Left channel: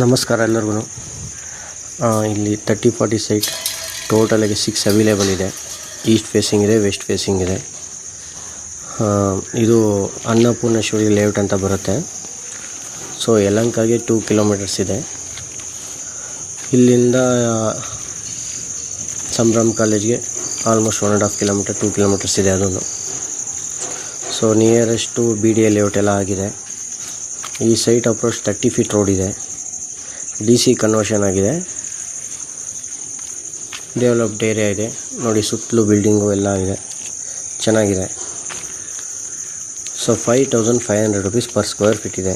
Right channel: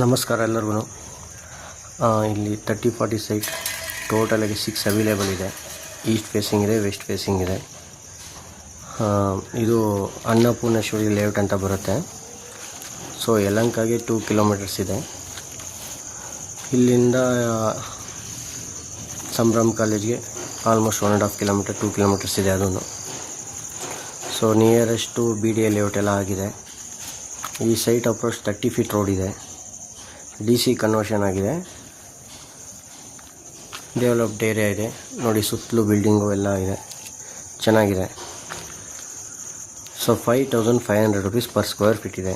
ನಮಸ್ಕಾರ ಎಲ್ಲರಿಗೂ. ಇಲ್ಲಿ 30-40 ಸೈಟ್ ಟೋಟಲಾಗಿ 6 ಅವೈಲೇಬಲ್ ಇದೆ. ಈಸ್ಟ್ ಫೇಸಿಂಗ್ ಇದೆ, ವೆಸ್ಟ್ ಫೇಸಿಂಗ್ ಇದೆ. ಇದು ಅನ್ನಪೂರ್ಣೇಶ್ವರಿ ಲೇಔಟ್ ಅಂತ ಬರುತ್ತೆ. ಸೊ ಯಲಹಂಕಗೆ 2 ಕಿಲೋಮೀಟರ್ಸ್ ಇದೆ. ಇಲ್ಲಿಂದ ಸಂಭ್ರಮ್ ಕಾಲೇಜ್ಗೆ ಆಲ್ಮೋಸ್ಟ್ 1.5 ಕಿಲೋಮೀಟರ್, 2 ಕಿಲೋಮೀಟರ್ಸ್ ಇದೆ ಅದನ್ನು. ಸೊ ನಿಯರೆಸ್ಟು BDA ಲೇಔಟ್ ಎಲ್ಲ ಆಗಿದೆ. ಈ ಸೈಟ್ ಅಪ್ರೋಚ್ 30 ಫೀಟ್ ರೋಡ್ ಇದೆ. DC ಕನ್ವರ್ಷನ್ ಆಗಿದೆ. ಡೆವಲಪ್ಡ್ ಏರಿಯಾ ಇದೆ ನೋಡಿ, ಸುತ್ತಲೂ ಬಿಲ್ಡಿಂಗು ಎಲ್ಲ ಇದೆ, ಚೆನ್ನಾಗಿದೆ. So 5500 rupees per square feet ಇದೆ.